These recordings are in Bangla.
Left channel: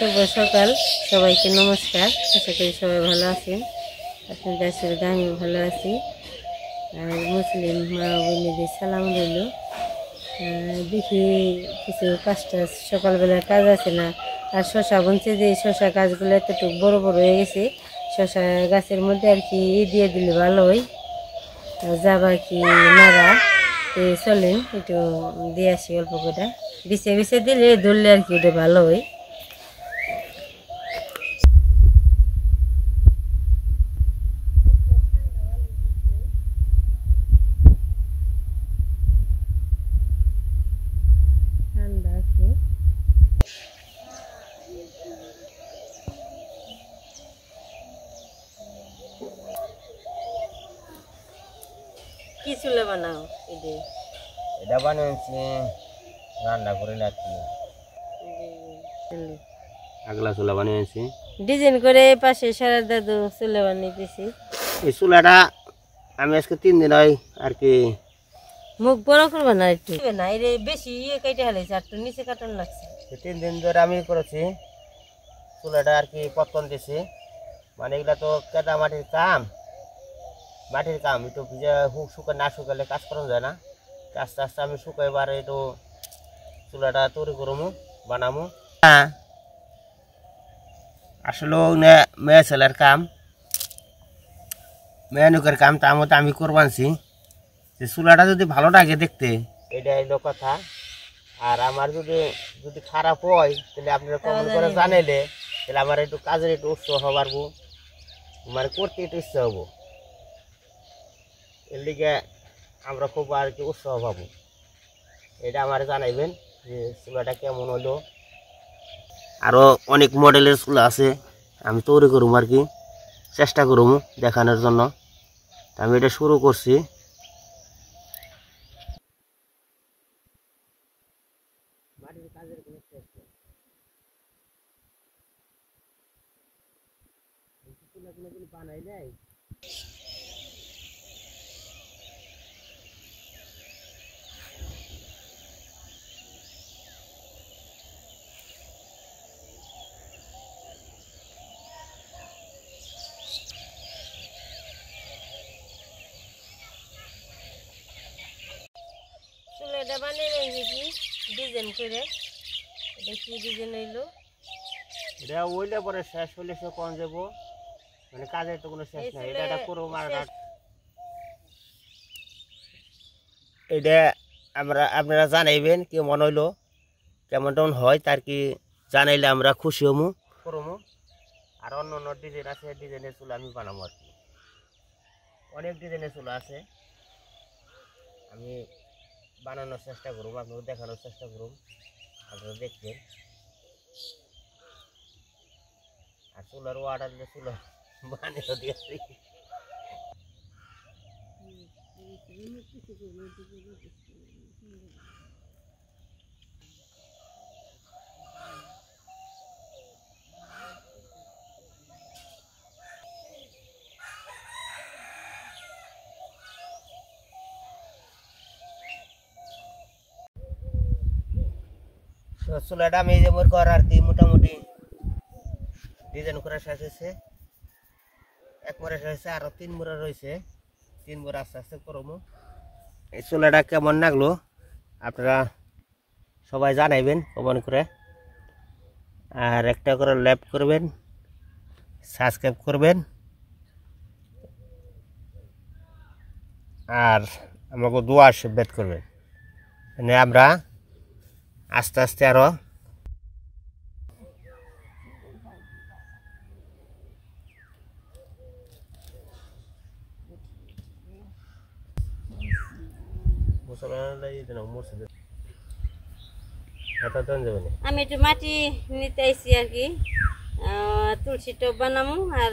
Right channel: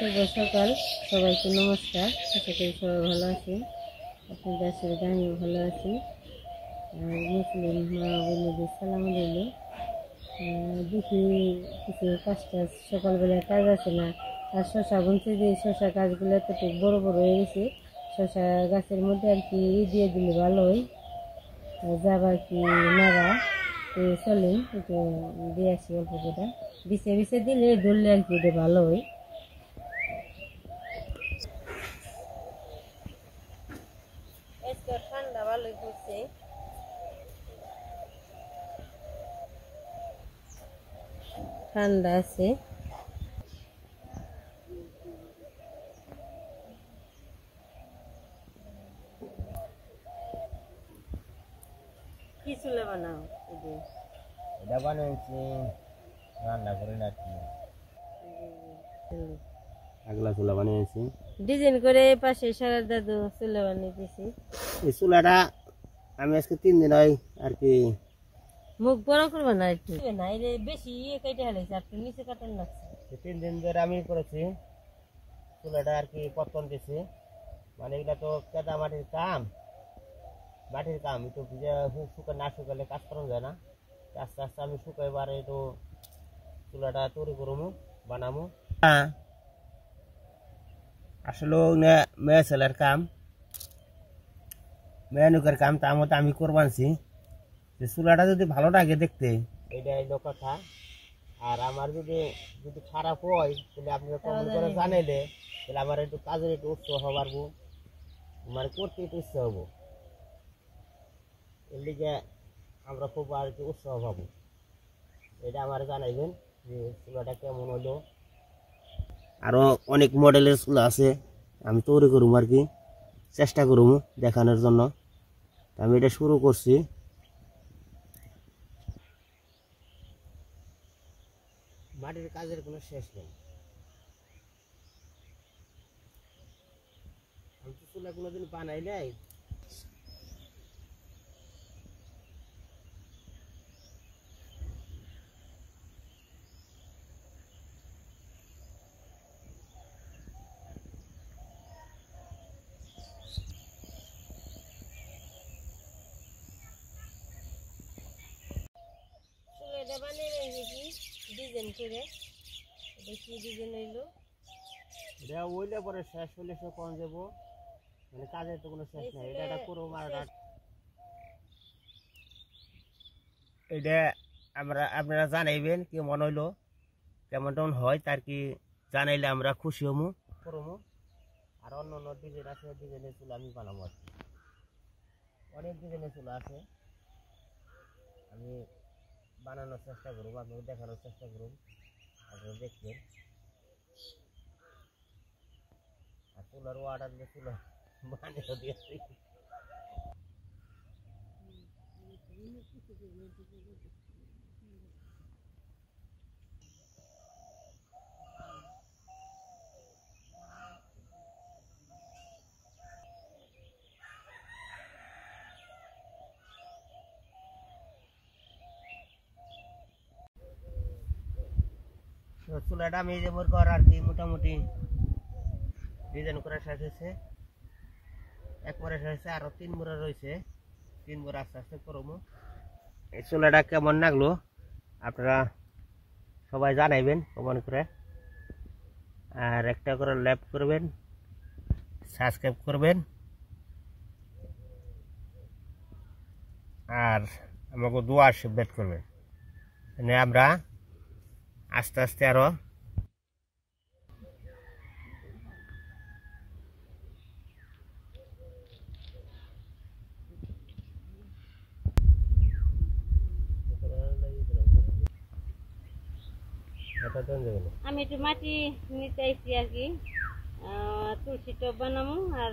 শুভ সকাল, সবাইকে নমস্কার। আশা করি সবাই ভালো আছেন। আপনাদের আশীর্বাদে আমি ভালো আছি। আর মুসলিম মা বোনেদের সালাম রইল। দেখি কিছু কাজটা সকালবেলার কাজ আছে না, আর শশা বুনছে যে শশা গাছগুলো এতটুকু বড় বড় হয়ে গেছে। শশা গাছের মধ্যে আর কি দিয়ে দিলে ভালো হয়, যাবা কি নাড়া চলেন একটু দিয়ে আসি অল্প করে। বিছে বিছে দিলে ধরলে আর কি ওটা ভালো হয়। ঠান্ডা ভালোই পড়ছে, ঠান্ডা আছে। কি চুলে বানাও? এটা বানিয়েছি রান্না করে নাকি আগলা চুলা বানিয়েছি ডিজাইন করে পাশে সারা দাদু চুলে বানিয়েছি। এই চুলাটা আমি আজকে 3 দিন হয় আর কি মুখ বড় করবে না একটু না, এর বেশি কেটে হালাইছে, আর তো নিচে কাটন লাগছে। 3 দিন ধরে আমি করেছি চুলাটা আর কি পতন দিয়েছি। মানে এগুলা তো কেদা মাটির কাম একটু ভিজে শুকায় না শুকালে কাজ করা যায় না। আস্তে আস্তে আমি শুকাইবার একটু চুলাটা তৈরি করবো বানাবো। হ্যাঁ, আসলে মেয়ে ছেলের কাম, মেয়ানুকের কাম, তার মধ্যে আমি করবানছি যে চুলাটা যদি ভালো লাগে দেখতে, এটা হইলো কথা। আর আমার যদি খারাপ হয় তাহলে আপনারা কমেন্ট করে জানাইলে তাহলে আমার একটু কাজের একটু উৎসাহ হবার, মানে করতে একটু ইচ্ছা হবো। এর লিগে আমরা খুব আর কি উৎসাহ পাবো। এটা আমার জানাইবেন যে চুলাটা কেমন হলো। আরও অনেক মডেলের চুলা আছে, আমি তৈরি করবো আর কি, চেষ্টা করবো দেখানোর জন্য। আমি এটা শুরু করছি। মাটির কাজের কোনো শেষ নেই। আমি তো চুলা কোনোদিন বানাই নাই। চুলাটা বানিয়ে কি ডিজাইন করে, এটা কি ডিজাইন হইলো? এটা ওইলে পরে শেষ হইলে সে কম যাবো, মানে কাজের তো কোনো শেষ নাই। এটা করবো এটা আপনারা জানাইবেন কি মনে হইলো, কেমন টেমন হয় তার কি জানাইলে আমরা খুশি হমু করবো। আর অন্য অন্য ডিজাইন আছে, ডিজাইনের চুলা আমি বানাবো আর কি। অনেক ডিজাইনের চুলা আছে, আমি বানানোর চেষ্টা করব, আপনাকে দেখানোর চেষ্টা করব, আপনারা দেখবেন। আর চুলার অর্ডার দিলে চুলা বানিয়ে দিয়েছি। চুলাটা আমি যে মোর করার আর কি মোটামুটি ডিজাইন করা শেষ হয়েছে। এক মোড়া শেষ হয়েছে, আরো 3 মোড়া রয়েছে। 3 মোড়া আস্তে আস্তে করবো। এই চুলাটা কেমন লাগলো আপনারা সবাই জানাইবেন কমেন্ট করে। আর একটা করে লাইক করবেন, সাবস্ক্রাইব করবেন, আর আমাকে দোয়া আশীর্বাদ করবেন। মানে আমরা আস্তে আস্তে আরো আমি একটু মাটি নিতে আইছি আর কি, তুলসী টব বানামু আর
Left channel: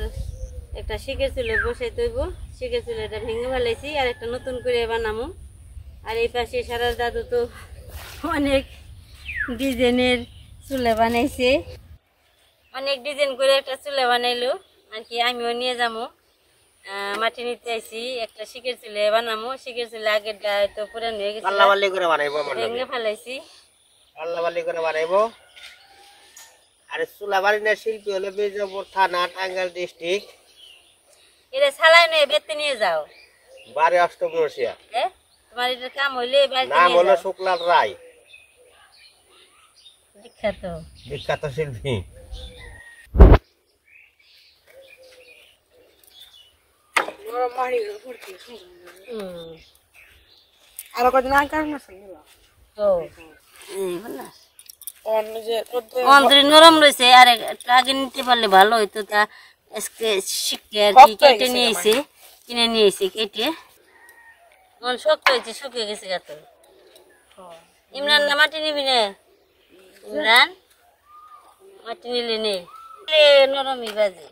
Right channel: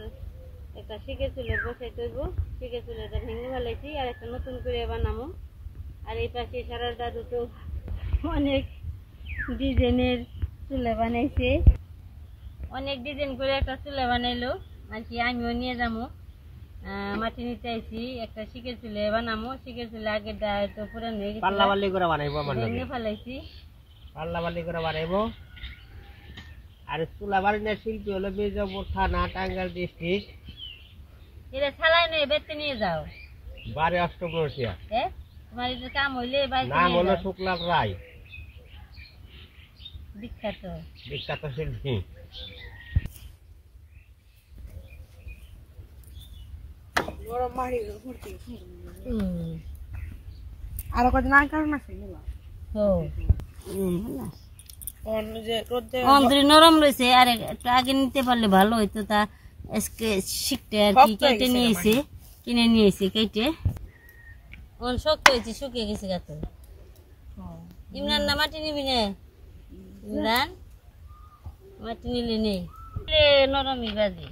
একটা শিখের চুলে বসাই তৈব। শিখের চুলেটা ভেঙে ফেলাইছি আর একটা নতুন করে বানামু। আর এই পাশে সারা দাদু তো অনেক ডিজাইনের চুলে বানাইছে, অনেক ডিজাইন করে একটা চুলে বানাইলো আর কি। আমিও নিয়ে যাবো, মাটি নিতে আইছি, একটা শিখের চুলে বানামু। শিখের চুলে আগেরটা তো পুরান হয়ে গেছে, পাল্লা বালি করে বানাইবো, ভেঙে ফেলাইছি। পাল্লা বালি করে বানাইবো। আর চুলাবাড়ি শিল্পী হলো মির্জাপুর থানা, টাঙ্গাইল ডিস্ট্রিক্ট, এটা সালাই নিয়ে বেতে নিয়ে যাও। বাড়ি অষ্টমনসিয়া। তোমার এটা কাম হইলে নাম হলো শুক্লাল রায়, বিখ্যাত বিখ্যাত শিল্পী। আরো কদিন আগে কার মাছ নরম রয়েছে, আর একটু আগে নিতে পারলে ভালো হইতো। তা আজকে শিখতে আর কি কেটে নিয়েছে, কিনে নিয়েছে কেটে। শক্ত হয়েছে, শুকিয়ে গেছে গাছ। ইমরান না মাটি নিবি না? ইমরান মাটি নিলে নেই, নরমই বাজে।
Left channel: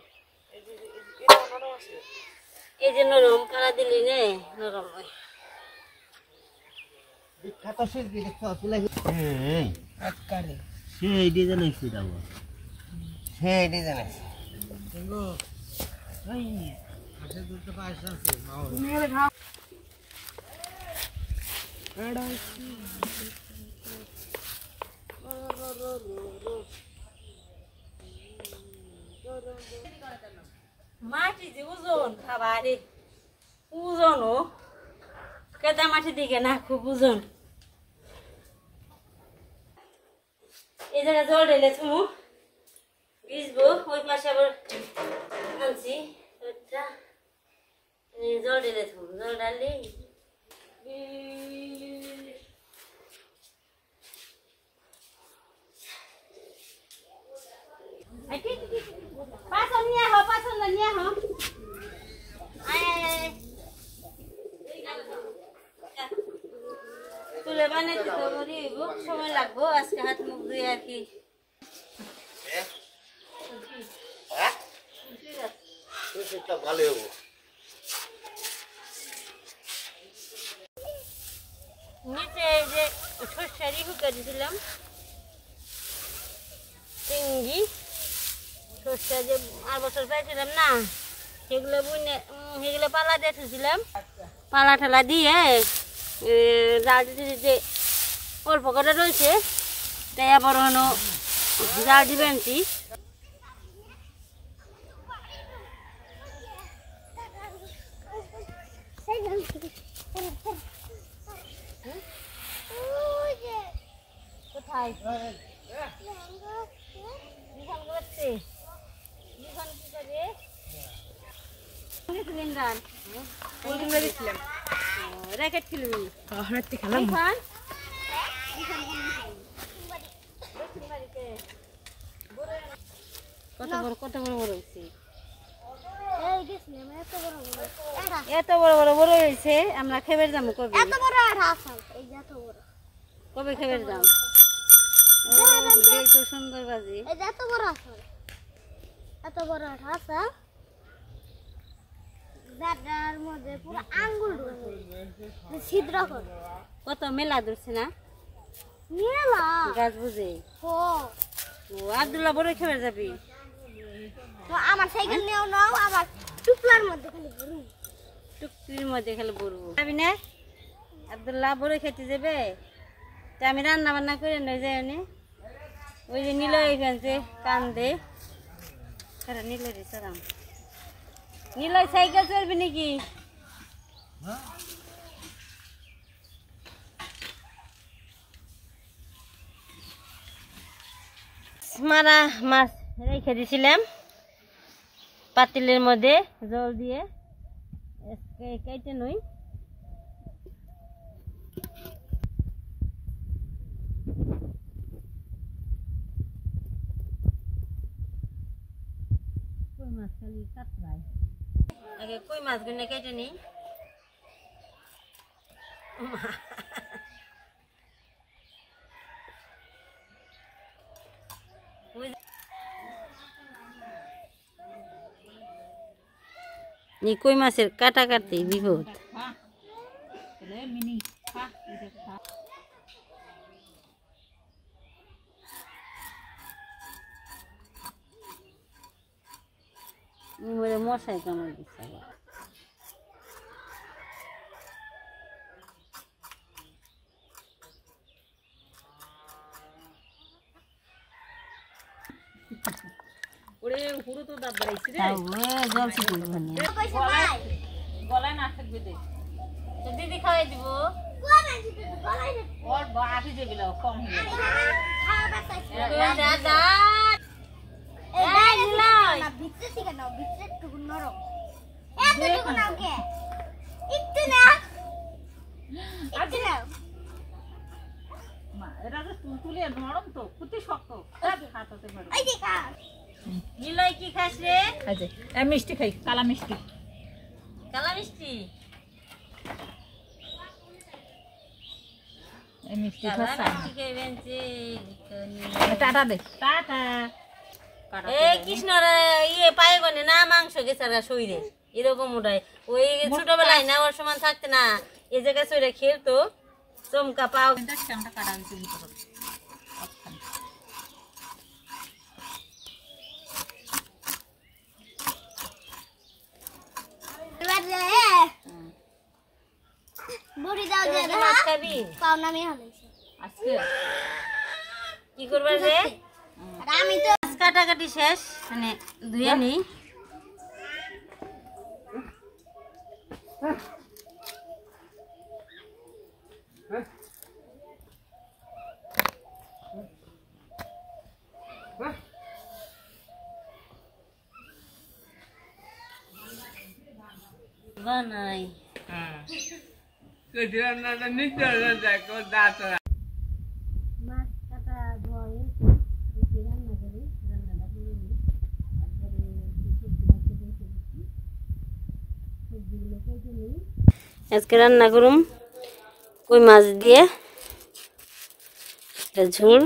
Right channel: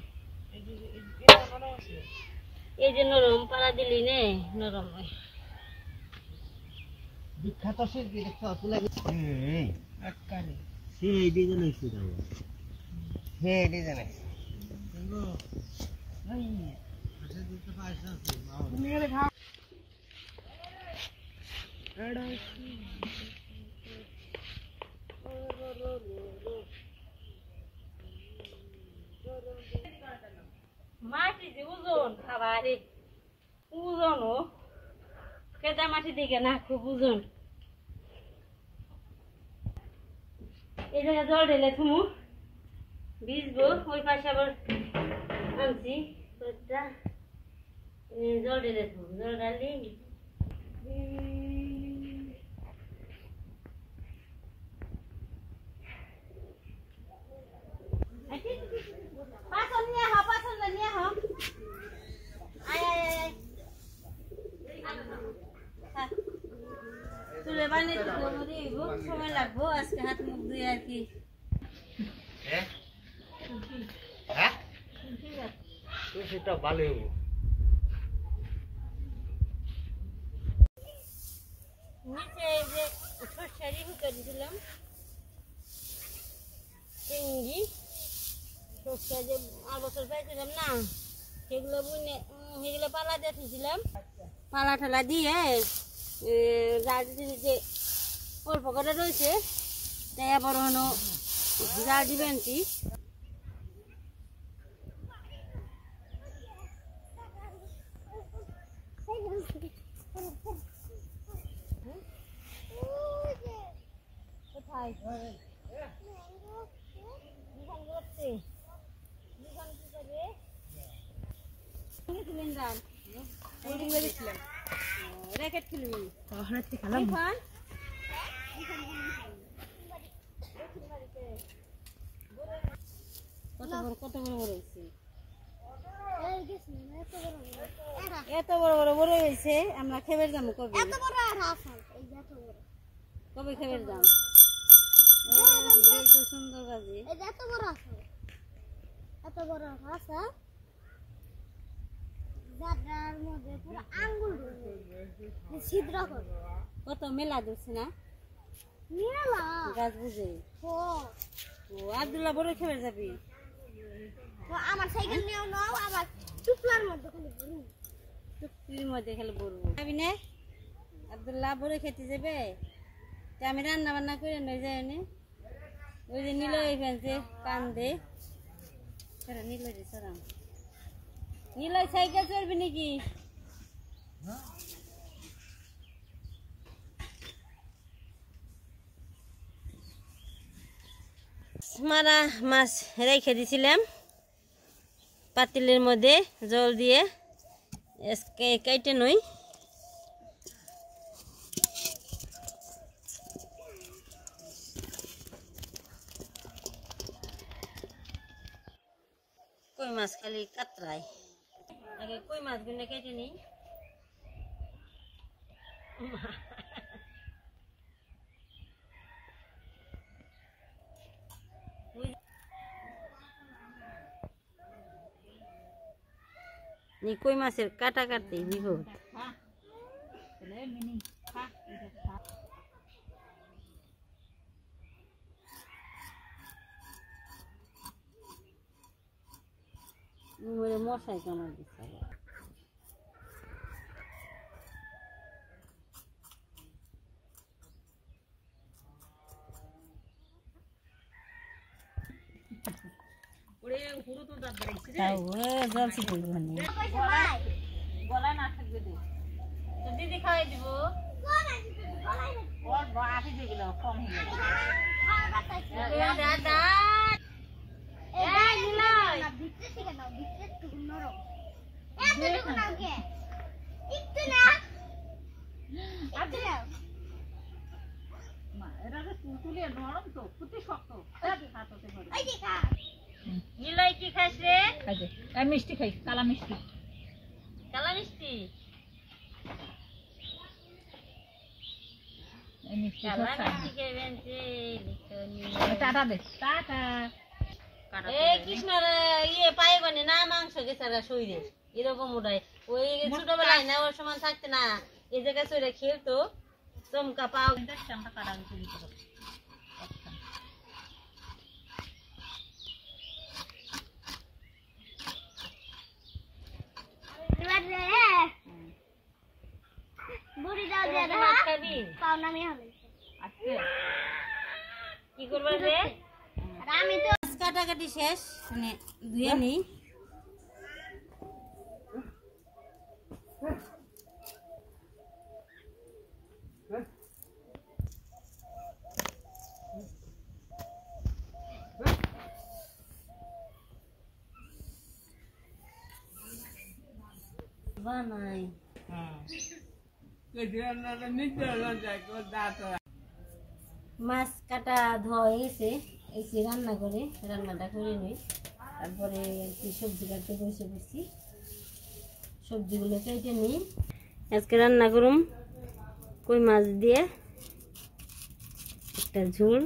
এই যে নরম পাড়া দিলি নে নরম হয়। বিখ্যাত শিল্পী সেই ডিজাইন হয়েছে, সেই ডিজাইন আছে। মাটি যে ওজন খাবার ওজন ও কেদা মাটি দিকে না, খুব ওজন। এই জায়গায় জল ঢেলে থুমু ভিজবো। ওই পাশে আবার আনছি জল ঢেলে থুমু, জল ঢালি পাছন নিয়ে আহ, পাছন নিয়ে আহ। চুলে বানাইতে সময় লাগবো, আজকে হাত মুখ ধুই আর কি। ভালো হবো। নিচে এই যে সর্ষারি হুকা দিয়েছিলাম, চিংড়ি সর্ষা যে আর বছর পাইছিলাম না, সেগুলো বুনে সেগুলো পালা দিয়েছিলাম। পালা ঠালা দিয়ে জাল দিতে যে অল্প করে রয়েছে, তাই আবার হলো জাল দিবেন। কোথায় র্যাকেট খেলবি? কত বড় বড় হয়েছে, এত বড় বড় বড় হয়েছে। আমরা খেবের যাবো কবে? কবে খেবের যাম? তো সুন্দর বাজি, এত বড় আছে, যার মধ্যে পুরো আঙ্গুল ছিদ্র করে। কত মেলা ধরছে না মেলা গাছ বুঝে। ও আব্দুল্লাহ বড় খেবে যাবি? তো আমার সাইকেল নিয়েও নাও, আমার টুকলার মধ্যে খালি ভরু, টুকরির মধ্যে খালি বলবো যাবি না? আব্দুল্লাহ বড় খেতে যাবে, তা আমি রান্না বান্না করে নিয়ে যাই। ওই যে নিল এখানে কান্দে, নিল রে সরাম নিল সাইকেল চলবি নাকি? মারা মাছ রেখে দিছিলাম পাতিলের মধ্যে জল দিয়ে, কেটে নই। কই মাছ খালি কাতরায়, আগে কই মাছগুলো কেটে নিই। কই মাছের কাটা কাটতে বিপদ। মশাই কামড় দিচ্ছে। খাও জল ছিটে দেবেন কইছে ভাই গলায় না থাকবে দে তো দিদি খাওয়াই দিব কোন আছে গলাই না ওর বাকি যেগুলো কম হয়ে যাবে খাওয়া বাতাইছে দাদা এই বাইরে না ভিতরে থেকে নাও ভিতরে একটু নরম এতটুকু নাও কে একটু নাও একটু নাও মা এরা তো তুলতুলে নরম তো কুতি শক্ত হাততে পারে এই দেখা নিলয় কি খাস রে এই যে এই মিষ্টি খাই কালা মিষ্টি কালা মিষ্টি এই মিষ্টি কালা খাসা মিষ্টি খাইবেন যে টাটা দে টাটা এই কৃষ্ণর ইয়ে পায়ে গনে না মাংস গেছারা শরীরে এরকম ওটাই ওই ছোটবেলায় না ওর সমান থাকতে না এই জায়গায় শরীরে খেলতো চমকা পাও দেখছি আমরা কাটা দিতে ভিতরে বুড়ি দাও দে তুই মাছ খাবি পাও না আমি হলাইছি আজকে কি করবার রে আমি তো মাছ কাটাকাটি শেষ মানে ধুয়ে নিই বানাই মাছ কাটা ধোয়া হয়ে গেছে এসে রান্না করে রান্নাটা করে নিই তারপরে এই সবজিটা একটু বসে বসছি সবজিগুলো কেটে নিই আজকে রান্না করুম কই মাছ দিয়ে একটা ঝোল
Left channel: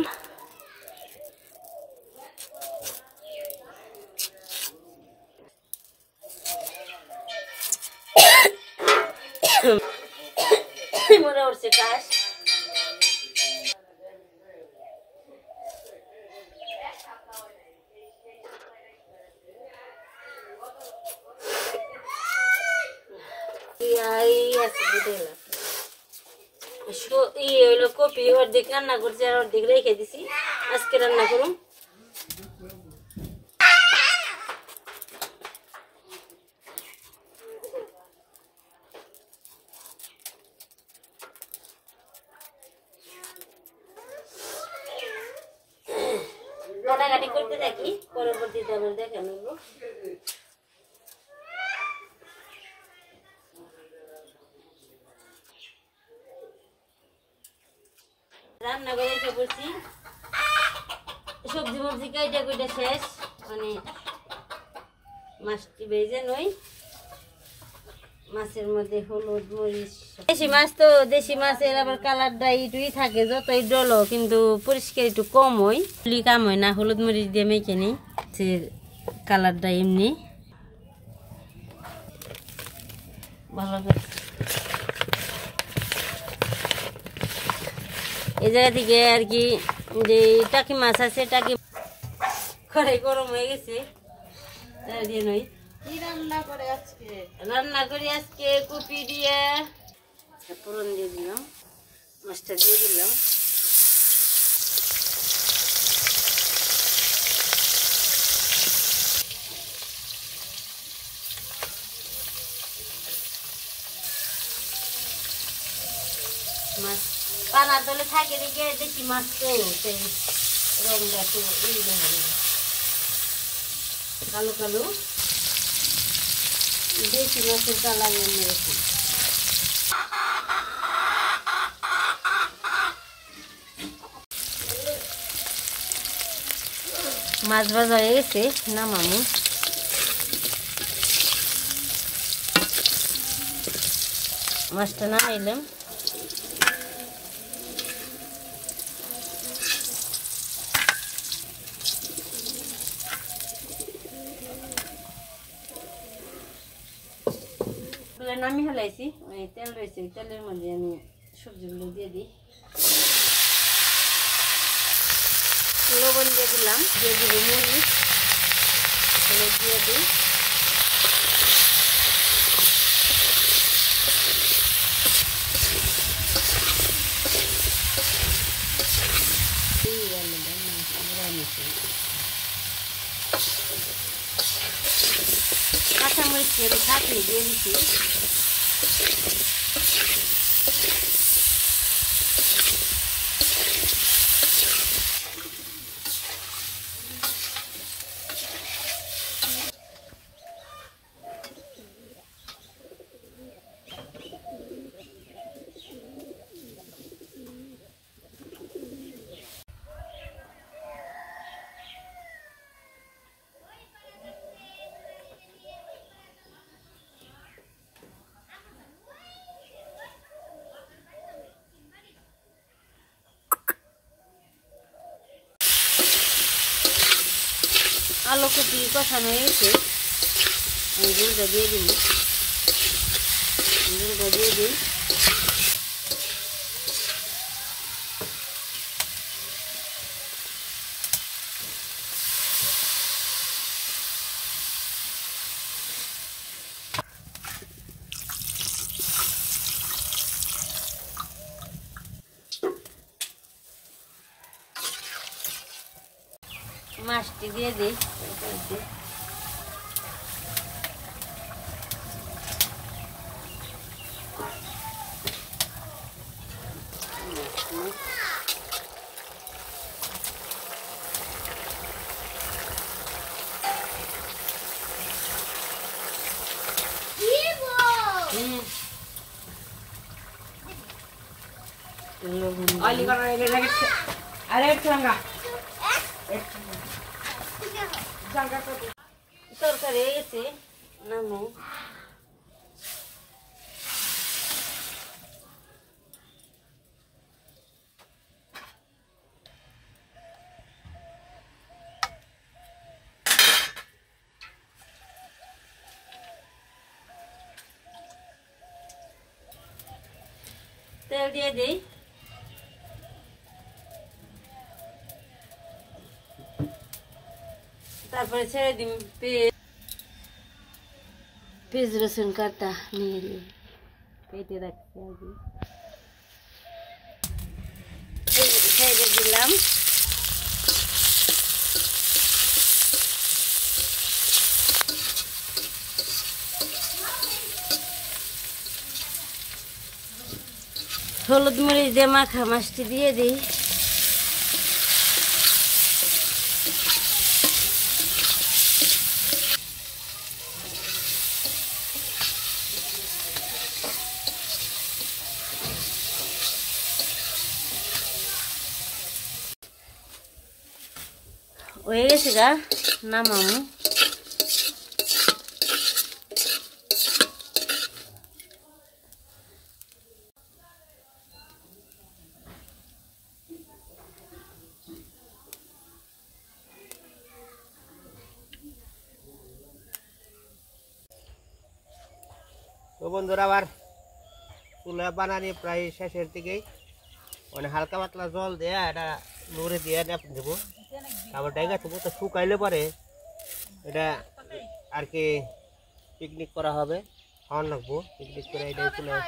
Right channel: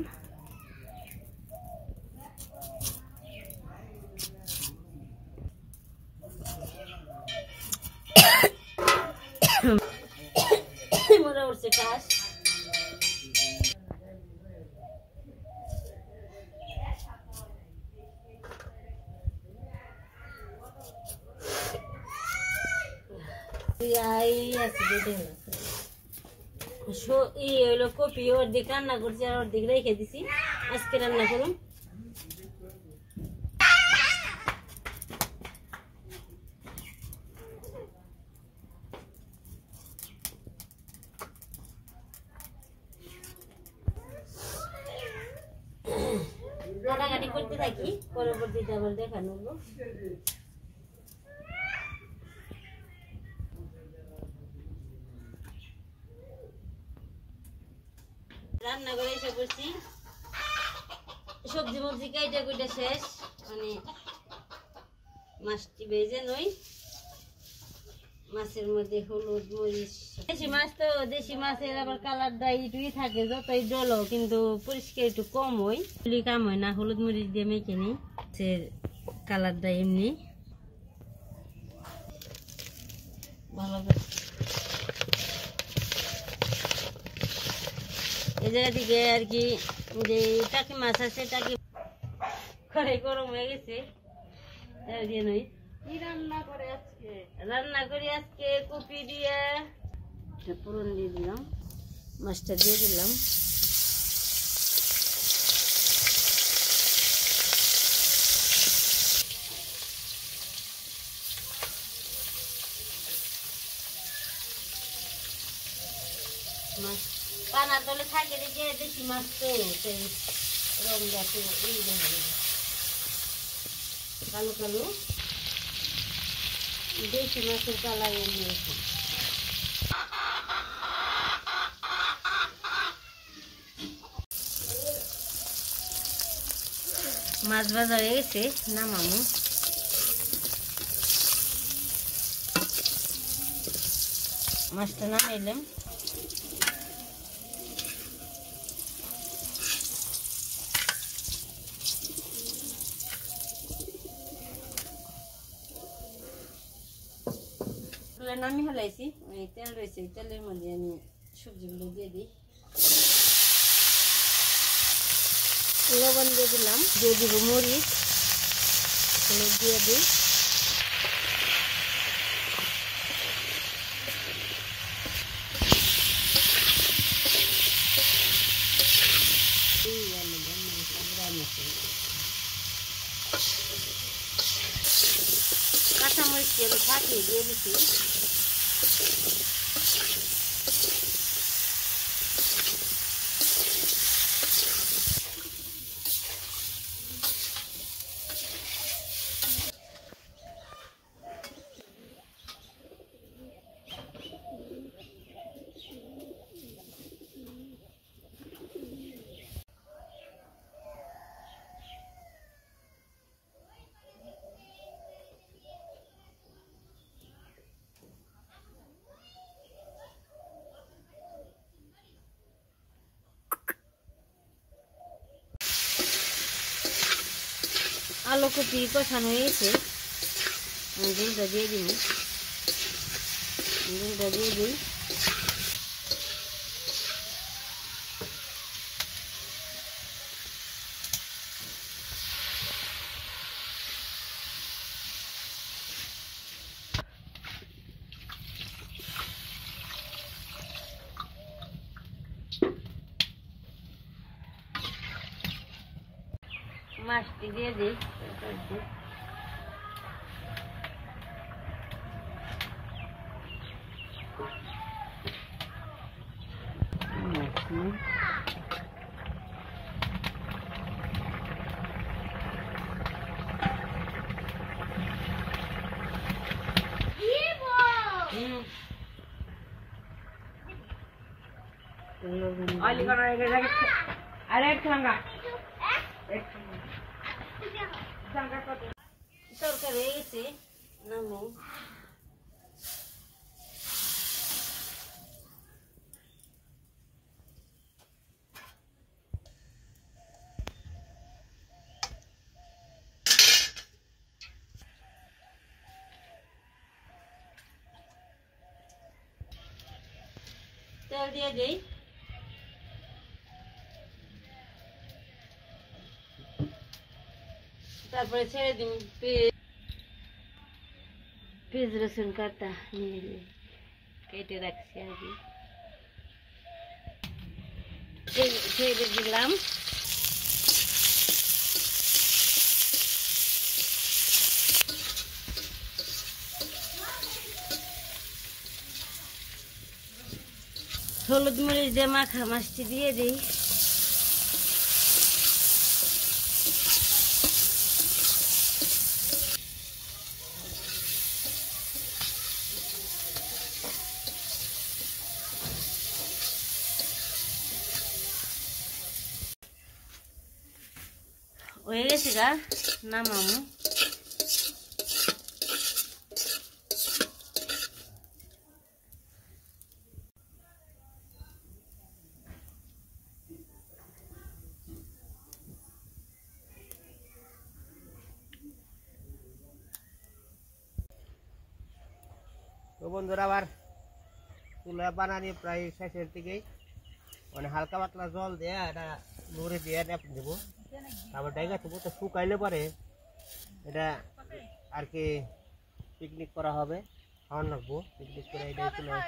মনে উঠছে কাশ কপি অর্ধেক রান্না করছি আর অর্ধেক রেখে দিছি আজকে রান্না করুন কাটাকাটি করতে থাকি পরবর্তীতে আবার দেখা নেব রান্না করে এসে পড়ছি সবজি মবজি কাইটা কুইটা শেষ মানে মাছটি ভেজে নই মাছের মধ্যে হলুদ মরিচ দেশি মাছ তো দেশি মাছের আবার কালারটা একটুই থাকে যতই ডলো কিন্তু পরিষ্কার একটু কম হয় কাম হয় না হলুদ মরিচ দিয়ে মেখে নিই কালারটা এমনি ভালো করে এই জায়গা থেকে আর কি যে টাকি মাছ আছে টাকি কড়াই গরম হয়ে গেছে দিয়ে নই রান্না করি আজকে কপি দিয়ে ফোড়ন দিয়ে দিলাম মাছটা দিয়ে দিলাম মাছ পানার তলে থাকে দেখে দেশি মাছ তো সেই রঙটা একটু কালো কালো দেশি মাছের কালার এমনি এরকম মাছ ভাজা হয়ে গেছে নামামু মাছটা নামাইলাম নামি ফেলাইছি ওই তেল রয়েছে তেলের মধ্যে আমি সবজিগুলো দিয়ে দিই লবণ দিয়ে দিলাম দিয়ে দিব মরিচ হলুদ দিয়ে দিই কাঁচামরিচকে আমি ছাঁচিয়ে দিয়ে দিচ্ছি। আলু কুচি কষানো হয়ে গেছে, ঝুলটা দিয়ে দিই। ঝুলটা দিয়ে দিই। মাছটি দিয়ে দিই। তরকারি হয়ে গেছে, নামো। তেল দিয়ে দিই। তারপরে ছেড়ে দিই। পেঁয়াজ রসুন কাটা নিয়ে দিই, কেটে রাখছি আগে। ছেড়ে দিলাম। হলুদ মরিচ দিয়ে মাখা মাছটি দিয়ে দিই। হয়ে গেছে গা, নামামু। তো বন্ধুরা আবার চুলা বানানি প্রায় শেষের দিকেই, মানে হালকা পাতলা জল দিয়ে এটা নুরে দিয়ে দেবো। তারপর ডাইগা দেবো, তো শুকাইলে পরে এটা আর কি পিকনিক করা হবে, খাওয়ান লাগবো। পিকনিক করে এটাই চুলাই,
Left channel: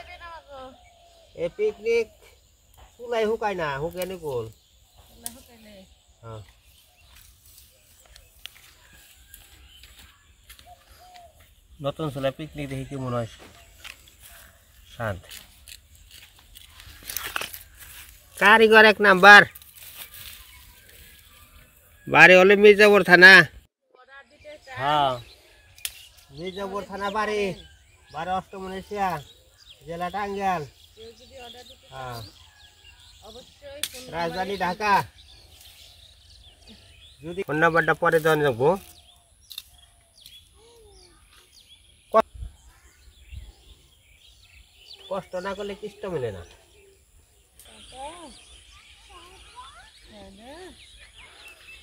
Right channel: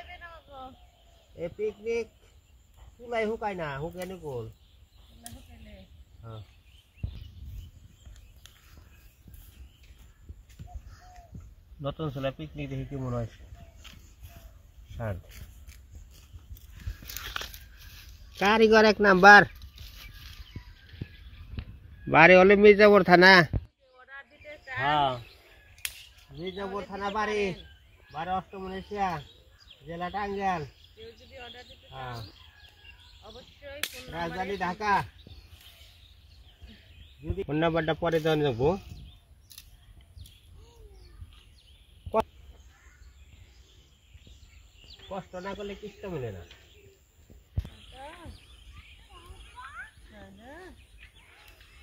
এই পিকনিক চুলাই শুকায় না, শুকায়নি গোল। হ্যাঁ, নতুন চুলাই পিকনিক দেখি কি মনে হয় স্বাদ। কারিগর এক নাম্বার, বাড়ি হলে মির্জাপুর থানা। হ্যাঁ, মির্জাপুর থানা বাড়ি, বাড়ি অষ্টমনেশিয়া, জেলা টাঙ্গাইল। হ্যাঁ, রাজধানী ঢাকা। যদি ফোন নাম্বারটা পরে দেওয়া যাবো। কষ্ট না করলে কষ্ট মেলে না।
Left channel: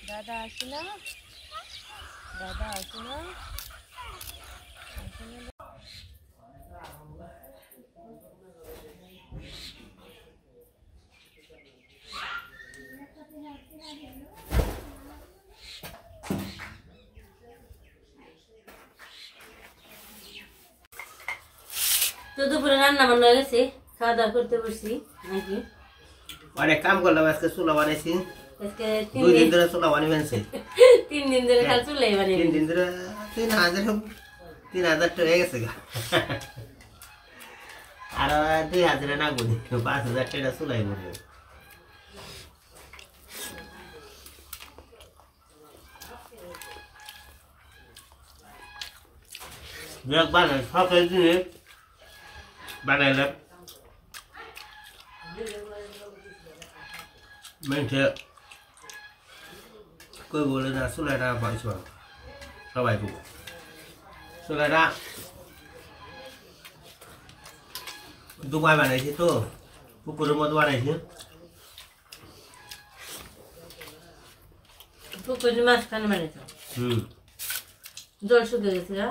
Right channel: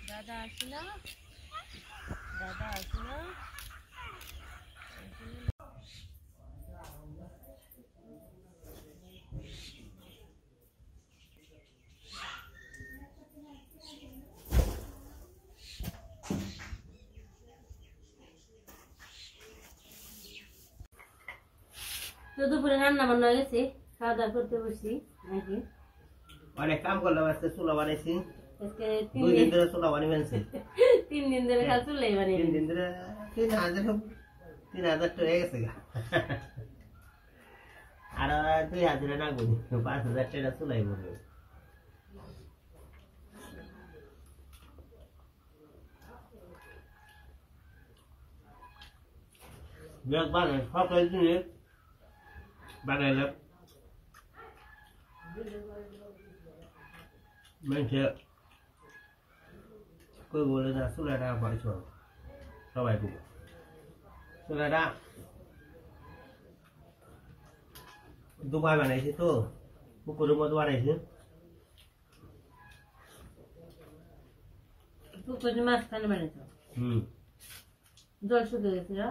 দাদা আসে না, দাদা আসে না। তো দুপুরে রান্না বান্না হয়ে গেছে, খাওয়া দাওয়া করতে বসছি নাকি। অনেক কাম করলাম, আজকে চুলা বানাইছি। আজকে 2 দিন ধরে চুলা বানিয়ে ফেলছি। 3 দিন ধরে খালি চুলাই বানিয়ে। 3 দিন ধরে 3 হাজার 3000 টাকা হয়ে গেছে গা আর 2000 না গুনি 5000 টাকা চুলাই পড়বে Việc bạn này phát cái gì đấy bạn này là mình chưa coi bộ là số này ra vậy xuống sao bài vụ số này ra tung ai bạn này chứ tôi phụ cô một bạn này chứ পুকুরের মাঝখানে বানাইছ জল শুকিয়ে গেছে না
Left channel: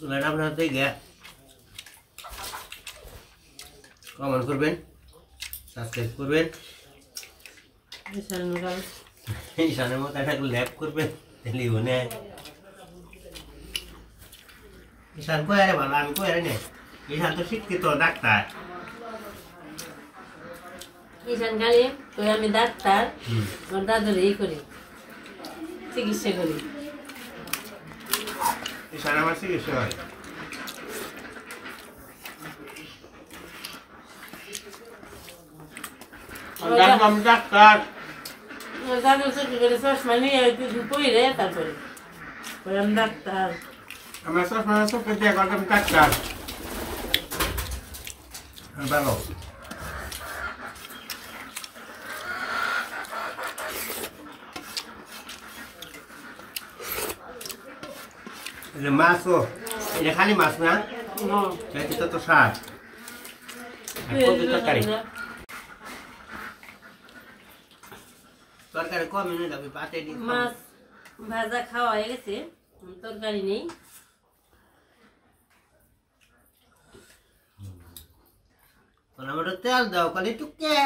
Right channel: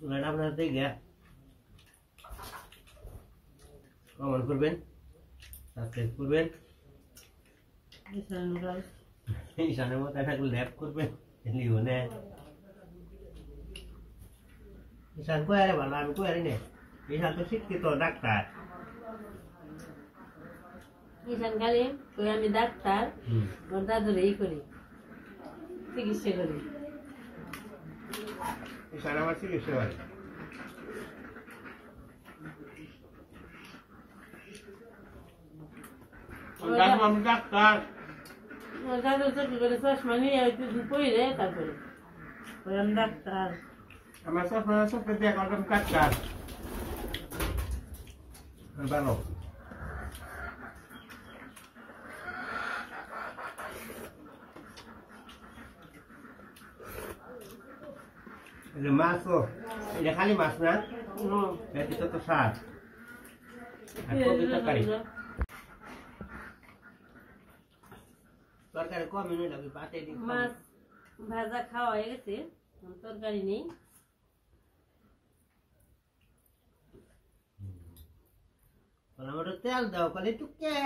Sudah ada berarti ya. Comment করবেন, সাবস্ক্রাইব করবেন। ইসানের মতো একটা ল্যাব করবেন, লিও না। ইসান কই আরে ভালো আমি কই আরে নে। ইসান তো শিক্ষিত ডাক্তার। ঈশান গালি কই আমি ডাক্তার ওর দাদুর এই করি চিকিৎসা করি ইসান আমার চিকিৎসা হয় আমি ডাক্তার দাদুর চোখে করে চশমা নিয়ে পড়ে তারপরে আমি ডাক্তার আমার চশমা চোখে দিয়ে করতাম ডাক্তার ভালো Ini masuk. Ini kali mas na? Jadi kita tuh saat. Aku kita kari. Terakhir kau minum tapi pate di. মাছ ভাজা খাওয়া হয়ে গেছে তরকারি নেই Kalau menurut tel dah kali tuh ke.